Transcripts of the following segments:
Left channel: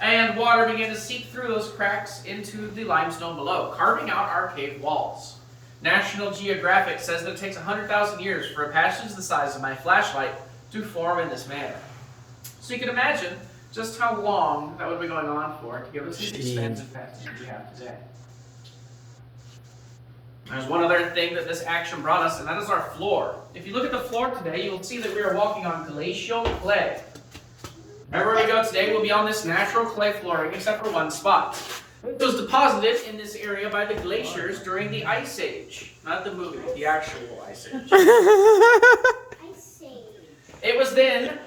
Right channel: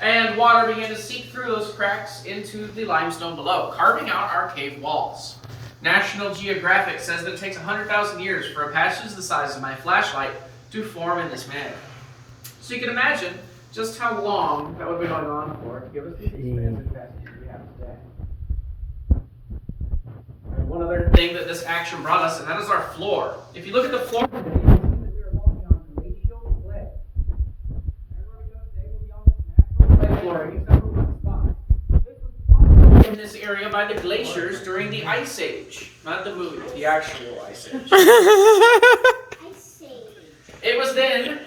and water began to seep through those cracks into the limestone below, carving out our cave walls. National Geographic says that it takes 100,000 years for a passage the size of my flashlight to form in this manner. So you can imagine just how long that would be going on for to give us these expansive passages we have today. There's one other thing that this action brought us, and that is our floor. If you look at the floor today, you will see that we are walking on glacial clay. Everywhere we go today, we'll be on this natural clay flooring, except for one spot. It was deposited in this area by the glaciers during the Ice Age. Not the movie, but the actual Ice Age. It was then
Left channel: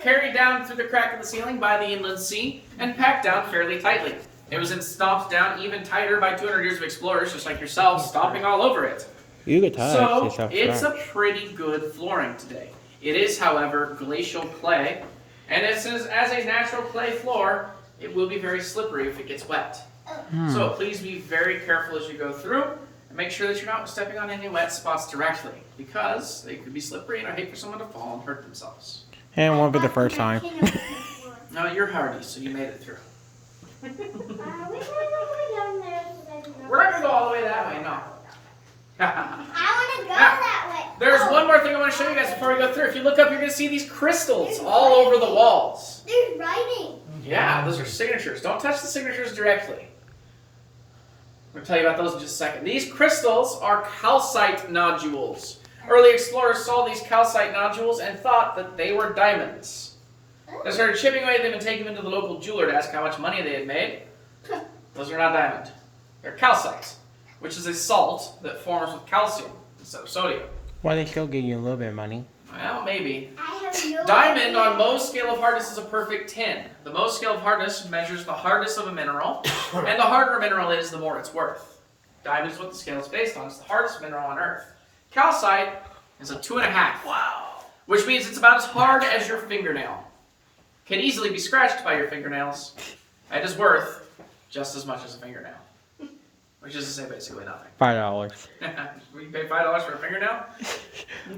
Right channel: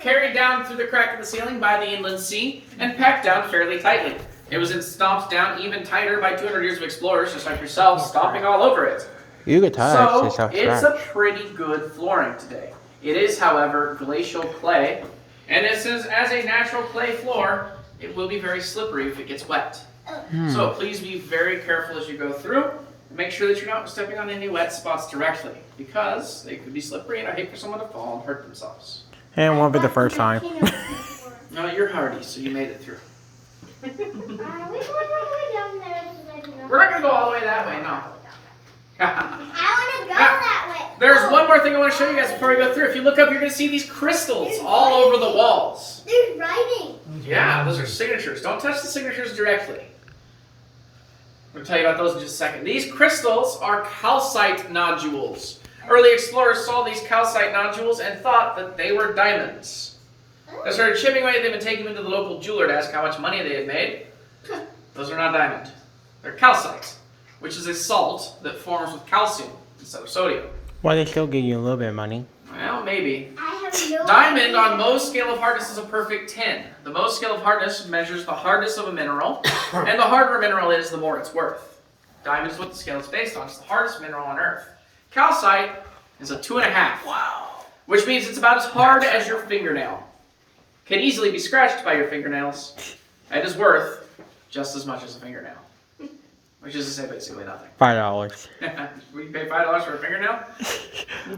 carried down through the crack of the ceiling by the inland sea and packed down fairly tightly. It was then stomped down even tighter by 200 years of explorers, just like yourself, stomping all over it. You could tell So, it's a pretty good flooring today. It is, however, glacial clay, and it says as a natural clay floor, it will be very slippery if it gets wet. So please be very careful as you go through, and make sure that you're not stepping on any wet spots directly, because they could be slippery, and I hate for someone to fall and hurt themselves. And it won't be the first time. No, you're hardy, so you made it through. We're not going to go all the way that way, no. I want to go that way. There's one more thing I want to show you guys before we go through. If you look up, you're going to see these crystals all over the walls. There's writing. Yeah, those are signatures. Don't touch the signatures directly. I'm going to tell you about those in just a second. These crystals are calcite nodules. Early explorers saw these calcite nodules and thought that they were diamonds. They started chipping away at them and taking them to the local jeweler to ask how much money they had made. Those are not diamond. They're calcite, which is a salt that forms with calcium instead of sodium. Why they still give you a little bit of money? Well, maybe. I have no Diamond on idea. Mohs scale of hardness is a perfect 10. The Mohs scale of hardness measures the hardness of a mineral, and the harder a mineral is, the more it's worth. Diamond is what the scale is based on. It's the hardest mineral on Earth. Calcite is a 2.5. Wow. Which means it's about as hard as your fingernail. Can easily be scratched by your fingernails. It is worth just as much as a fingernail. Which is to say basically nothing. $5. Will you pay $5 for a fingernail?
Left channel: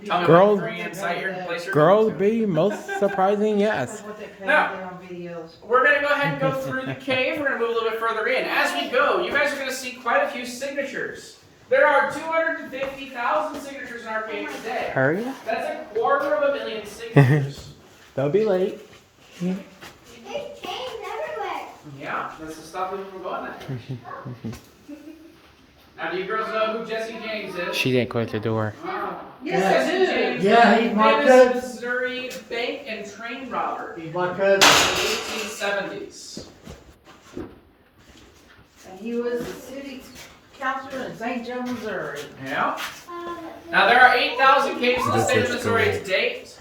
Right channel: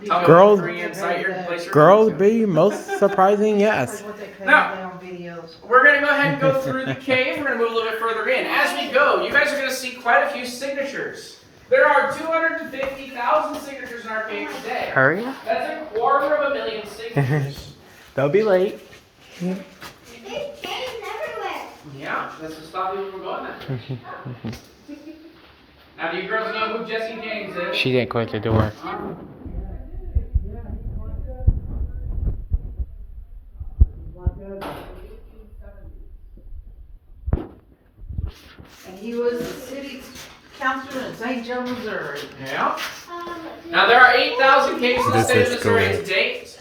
Tell me Girls- what free site you're place your Girls be most surprising, yes. Now, we're going to go ahead and go through the cave. We're going to move a little bit further in. As we go, you guys are going to see quite a few signatures. There are 250,000 signatures in our cave today. Hurry up. That's 250,000 signatures. Don't be late. There's chains everywhere. Yeah, that's to stop people from going there. Now, do you girls know who Jesse James is? She didn't quit the door. Yes, Jesse James. Yeah, he's my famous cousin. Missouri bank and train robber He's my cousin. in the 1870s. And he was the city councilor in St. Joe, Missouri. Yeah. Now, there are 8,000 caves in the This state of is Missouri cool. to date.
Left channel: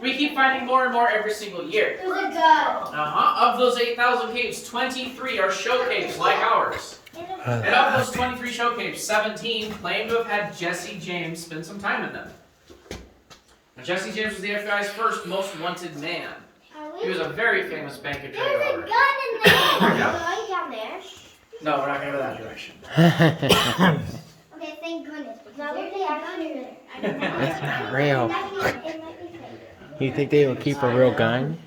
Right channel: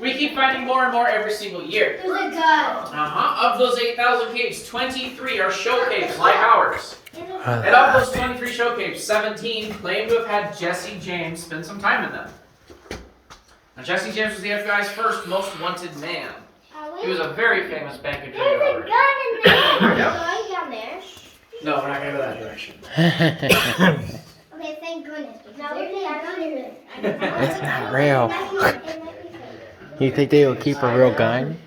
We keep finding more and more every single year. There's a gun. Of those 8,000 caves, 23 are show caves like ours. And of those 23 show caves, 17 claim to have had Jesse James spend some time in them. Now, Jesse James was the FBI's first most wanted man. He was a very famous bank and train There's a robber. gun in there. Are we Yep. going down there? No, we're not going to go that direction. Okay, thank goodness. Now there's a gun in there. That's not real. It might be fake. You think they will keep a real gun?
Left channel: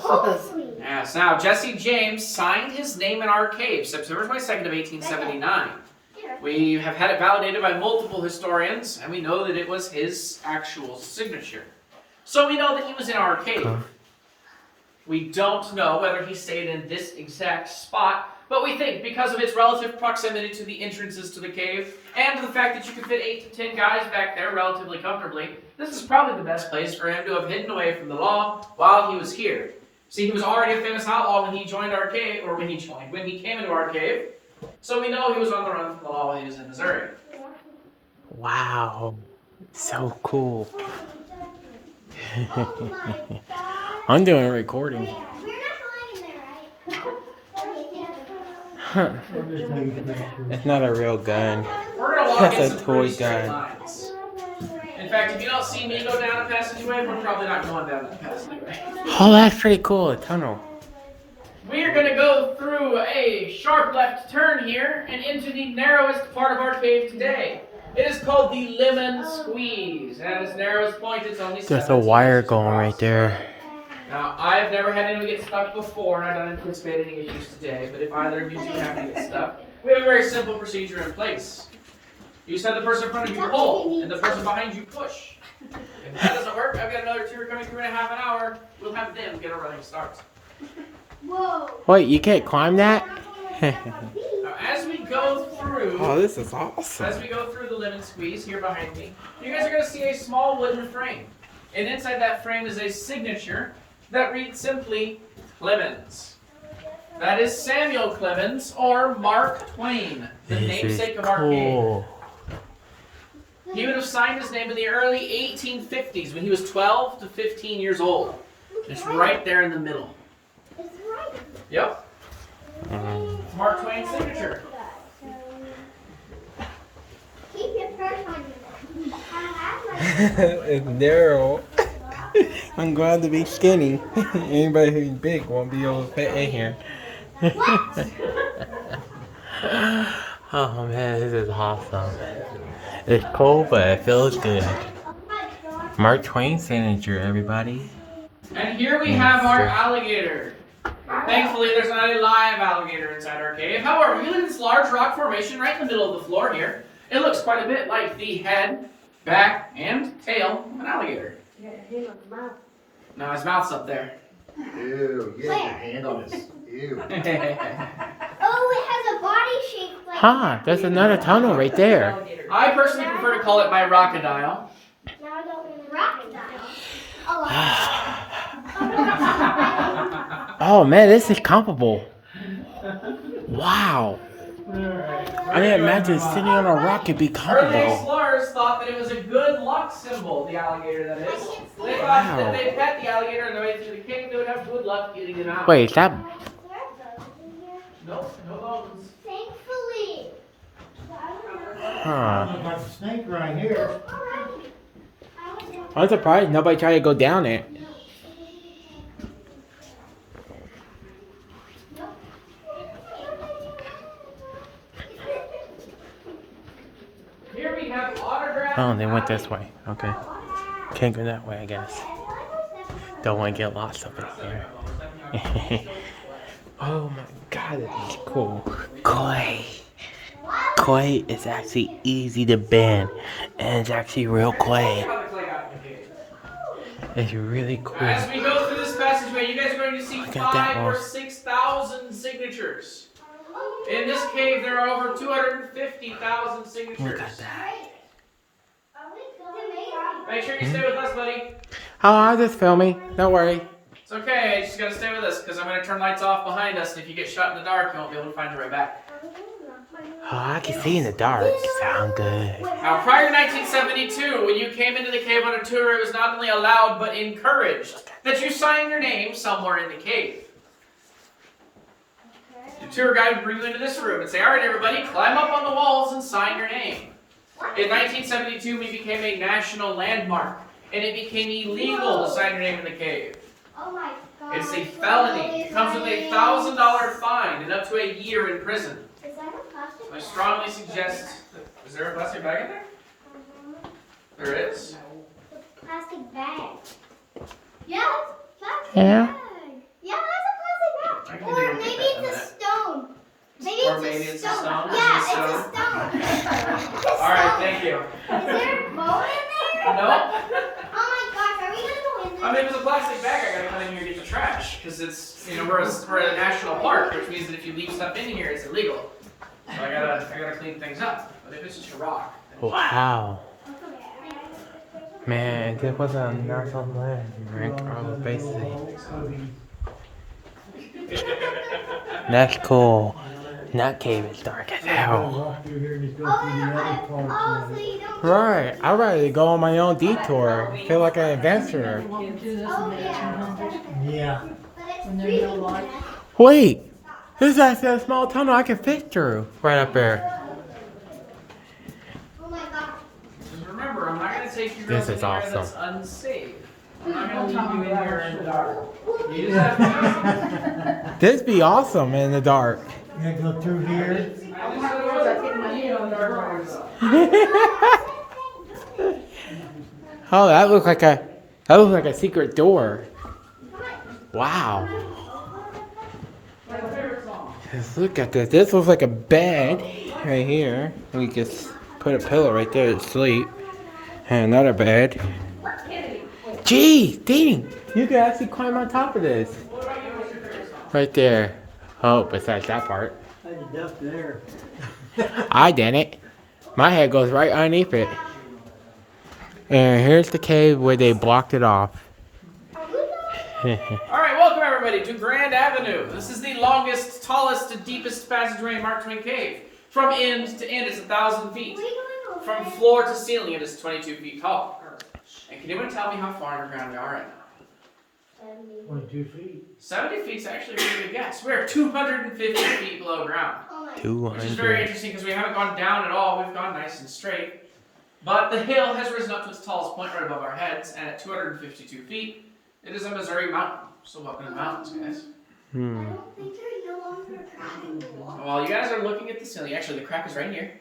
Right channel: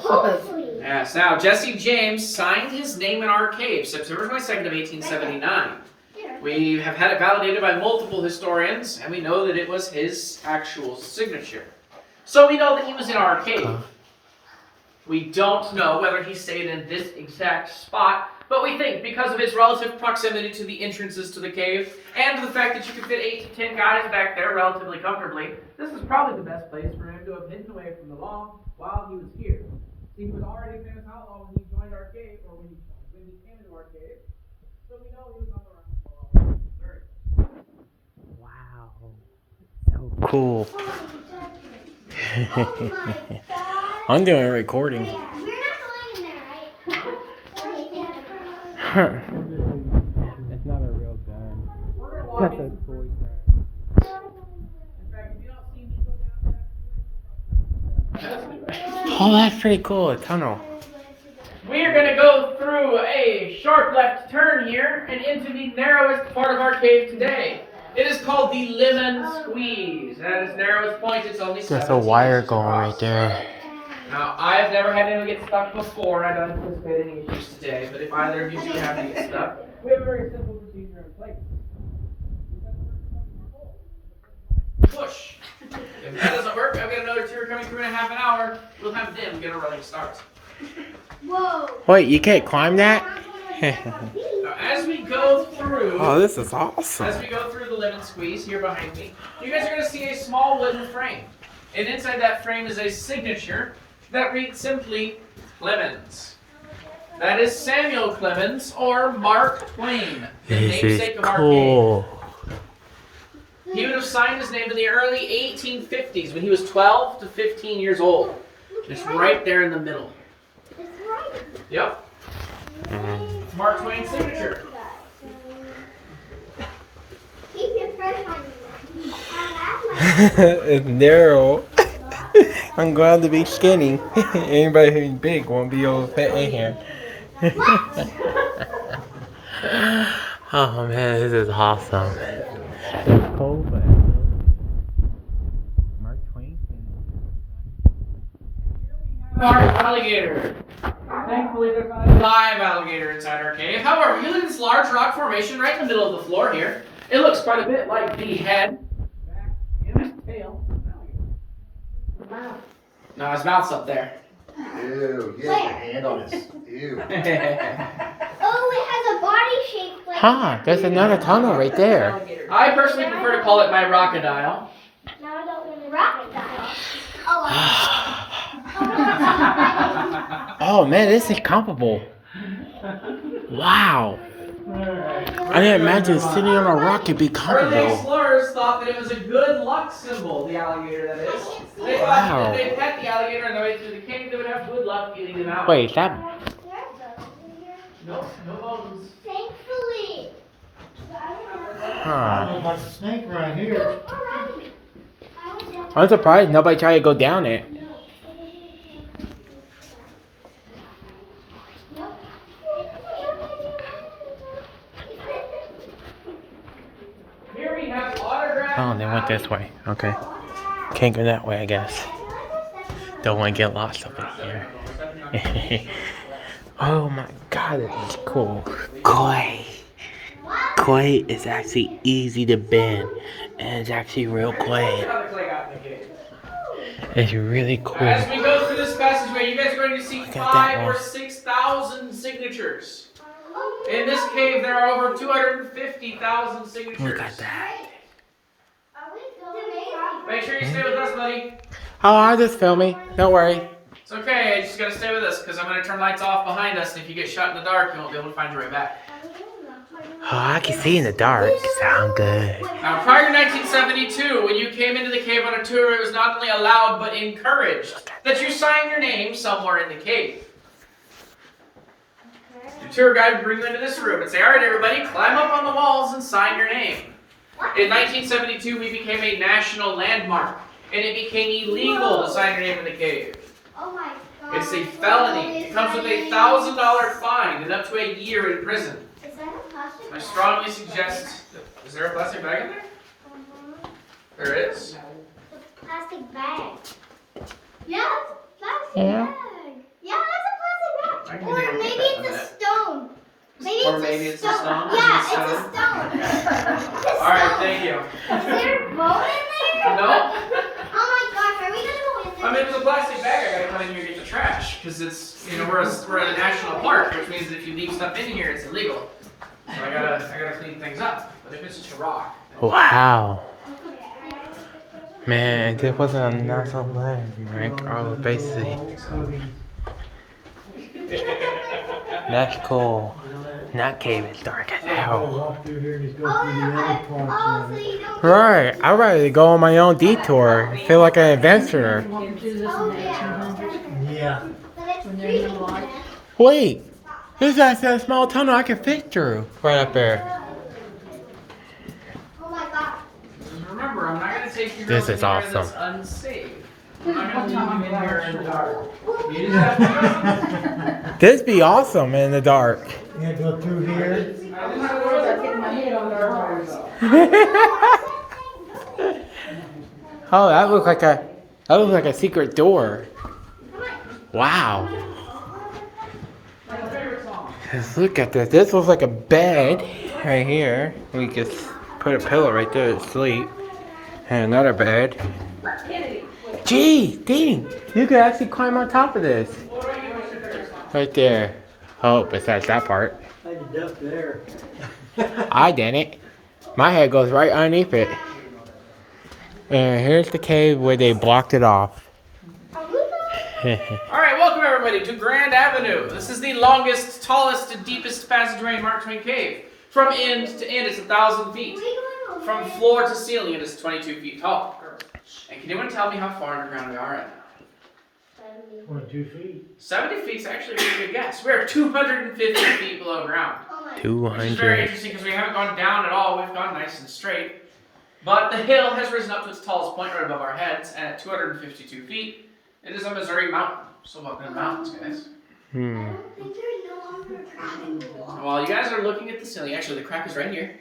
Hopefully. Yes, now Jesse James signed his name in our cave September 22nd of 1879. We have had it validated by multiple historians, and we know that it was his actual signature. So we know that he was in our cave. We don't know whether he stayed in this exact spot, but we think because of its relative proximity to the entrances to the cave, and the fact that you could fit 8 to 10 guys back there relatively comfortably, this is probably the best place for him to have hidden away from the law while he was here. See, he was already a famous outlaw when he joined our cave, or when he came into our cave. So we know he was on the run from the law while he was in Missouri. Wow. So cool. Oh my God. I'm doing a recording. We're not going in there, right? It's not a real gun. We're gonna walk That's in a some toy pretty straight gun. lines. In fact, if you don't see me go down a passageway, we're probably not going down the passageway. Oh, that's pretty cool. A tunnel. We are going to go through a sharp left turn here and into the narrowest part of our cave today. It is called the Lemon Squeeze. And at its narrowest point, it's only There's a 17 wire inches going across. right there. Now, I've never had anyone get stuck before, and I don't anticipate any issues today, but if either of you do have to get stuck, we have a very simple procedure in place. You said the person in front of you pull, and the person behind you push. If that doesn't work, I've got another tour coming through in a half an hour. We'll have them get a running start. Whoa. Wait, you can't climb that? Now, as we go through, Oh, this is awesome. as we go through the lemon squeeze here behind me, you guys are going to see a small wooden frame. And inside that frame is a signature that reads simply Clemens. That is Samuel Clemens or Mark Twain, the This is namesake of our cool. game. He would have signed his name in the early 1850s when he was 12 to 15 years old. It's right there in the middle. It's right. Yep. It's Mark Twain's signature. Keep your first one. It's narrow. I'm glad to be skinny. Anybody who's big won't be able to fit in here. Oh man, this is awesome. It's cool, but it feels good. Mark Twain signature, everybody. And here we have our alligator. Thankfully, there's not a live alligator inside our cave. However, you look at this large rock formation right in the middle of the floor here. It looks quite a bit like the head, back, and tail of an alligator. No, his mouth's up there. Ew, get your hand on his. Ew. Oh, it has a body shape like Huh, there's another tunnel right there. I personally prefer to call it my crocodile. Now I don't really rock that. Oh, Oh man, this is comfortable. Wow. I didn't imagine sitting on a rock could be Early comfortable. explorers thought that it was a good luck symbol, the alligator that is. They thought Wow. that if they pet the alligator on the way through the cave, they would have good luck getting them out. Wait, is that... Nope, no bones. thankfully. Huh. Like a snake right here. I'm surprised nobody tried to go down it. Here we have autographed. Oh, they went this way. Okay. Can't go that way, I guess. Don't want to get lost up in here. Oh my god, this is cool. Clay. Clay is actually easy to bend. And it's actually real clay. It's really cool. As we go through this passageway, you guys are going to see Look at that 5,000 or one. 6,000 signatures. In this cave, there are over 250,000 signatures. Look at that. Make sure you stay with us, buddy. Oh, I'm just filming. Don't worry. It's okay, you just gotta stay with us because I'm gonna turn lights off behind us, and if you get shot in the dark, you won't be able to find your way back. Oh, I can see in the dark. Sound good. Now, prior to 1972, when you came into the cave on a tour, it was not only allowed but encouraged that you sign your name somewhere in the cave. The tour guide would bring you into this room and say, "All right, everybody, climb up on the walls and sign your name." In 1972, we became a national landmark, and it became illegal to sign your name in the cave. Oh my god. It's a felony. It comes with a $1,000 fine and up to a year in prison. Is that a plastic? I strongly suggest. Is there a plastic bag in there? There is. Plastic bag. Yeah, it's a plastic Yeah? bag. Yeah, that's a I plastic can bag. even Or get maybe that in it's a that. stone. Maybe Or it's maybe a it's a stone. stone. Yeah, Is it a it's a stone. All right, thank you. Is there a bone in there? No. Oh my gosh, are we gonna go in there? I mean, if it's a plastic bag, I gotta come in here and get the trash because it's we're at a national park, which means that if you leave stuff in here, it's illegal. So I gotta clean things up. But if it's just a rock, Wow. Man, this wasn't a national landmark. Oh, basically. That's cool. That cave is dark as hell. Walk through here and just go through the other parts so of it. you don't. Right, I'm ready to go on my own detour. Feel like an adventurer. Oh yeah. Yeah. But it's When there's no freezing light. there. Wait, this is actually a small tunnel I can fit through. Right up there. Oh my god. just remember, I'm not gonna take you This to is an area awesome. that's unsafe. I'm not gonna leave you in here in the dark. You just have to. This be awesome in the dark. You gotta go through here. I just said I was getting my head on the dark waters, though. Oh, that looks like a secret door. Wow. Look at this. This looks like a bed right here. We just put a pillow right there to sleep. And another bed. Gee, dang. You could actually climb on top of this. Right there. Oh, besides that part. I did up there. I didn't. My head goes right underneath it. And here's the cave where they blocked it off. Alright, welcome everybody to Grand Avenue. This is the longest, tallest, and deepest passageway in Mark Twain Cave. From end to end, it's 1,000 feet. From floor to ceiling, it is 22 feet tall. And can anyone tell me how far underground we are right now? 22 feet. 70 feet is actually a pretty good guess. We're 250 feet below ground. Which is very 200. interesting because we haven't gone down at all. We've gone nice and straight. But the hill has risen up to its tallest point right above our heads, and at 252 feet, it is a Missouri mountain. So welcome to the mountains, guys. Hmm. And while you guys are looking at the ceiling, actually the crack is right here.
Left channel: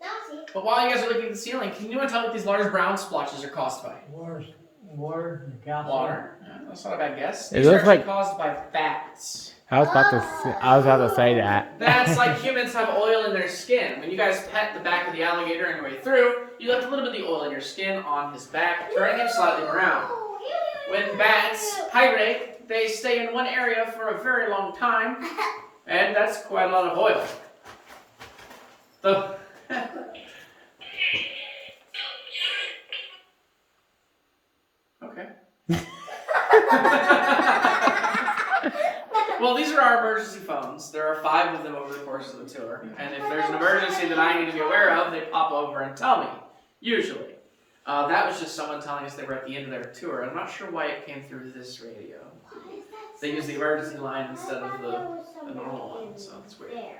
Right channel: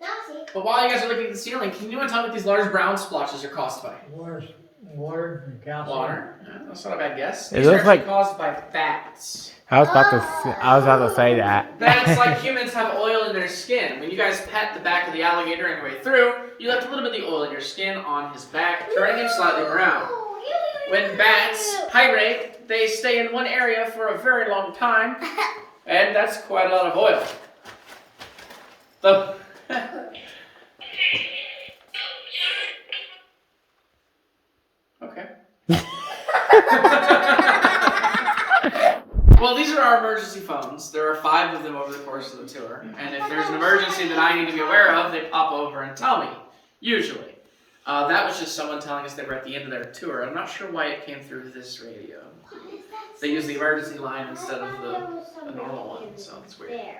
Now see. But while you guys are looking at the ceiling, can you tell me what these large brown splotches are caused by? Water and calcium. Water. That's not a bad guess. It These are looks actually like- caused by bats. I was about to say that. Bats, like humans, have oil in their skin. When you guys pet the back of the alligator on your way through, you left a little bit of the oil in your skin on his back, turning him slightly brown. When bats hibernate, they stay in one area for a very long time, and that's quite a lot of oil. The okay. Well, these are our emergency phones. There are 5 of them over the course of the tour, and if there's an emergency that I need to be aware of, they pop over and tell me. Usually. That was just someone telling us they were at the end of their tour. I'm not sure why it came through this radio. They used the emergency line instead of the normal one, so it's weird.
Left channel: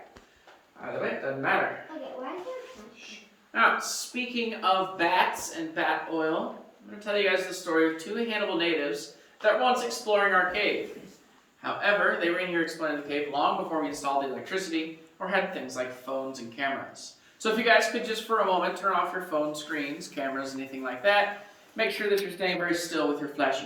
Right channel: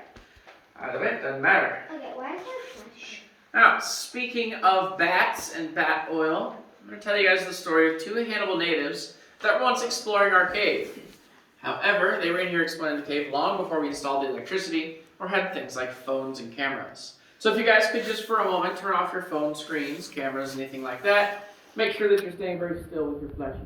Either way, it doesn't matter. Okay, why is there flash? Now, speaking of bats and bat oil, I'm going to tell you guys the story of 2 Hannibal natives that were once exploring our cave. However, they were in here exploring the cave long before we installed the electricity or had things like phones and cameras. So if you guys could just for a moment turn off your phone screens, cameras, anything like that, make sure that you're staying very still with your flashy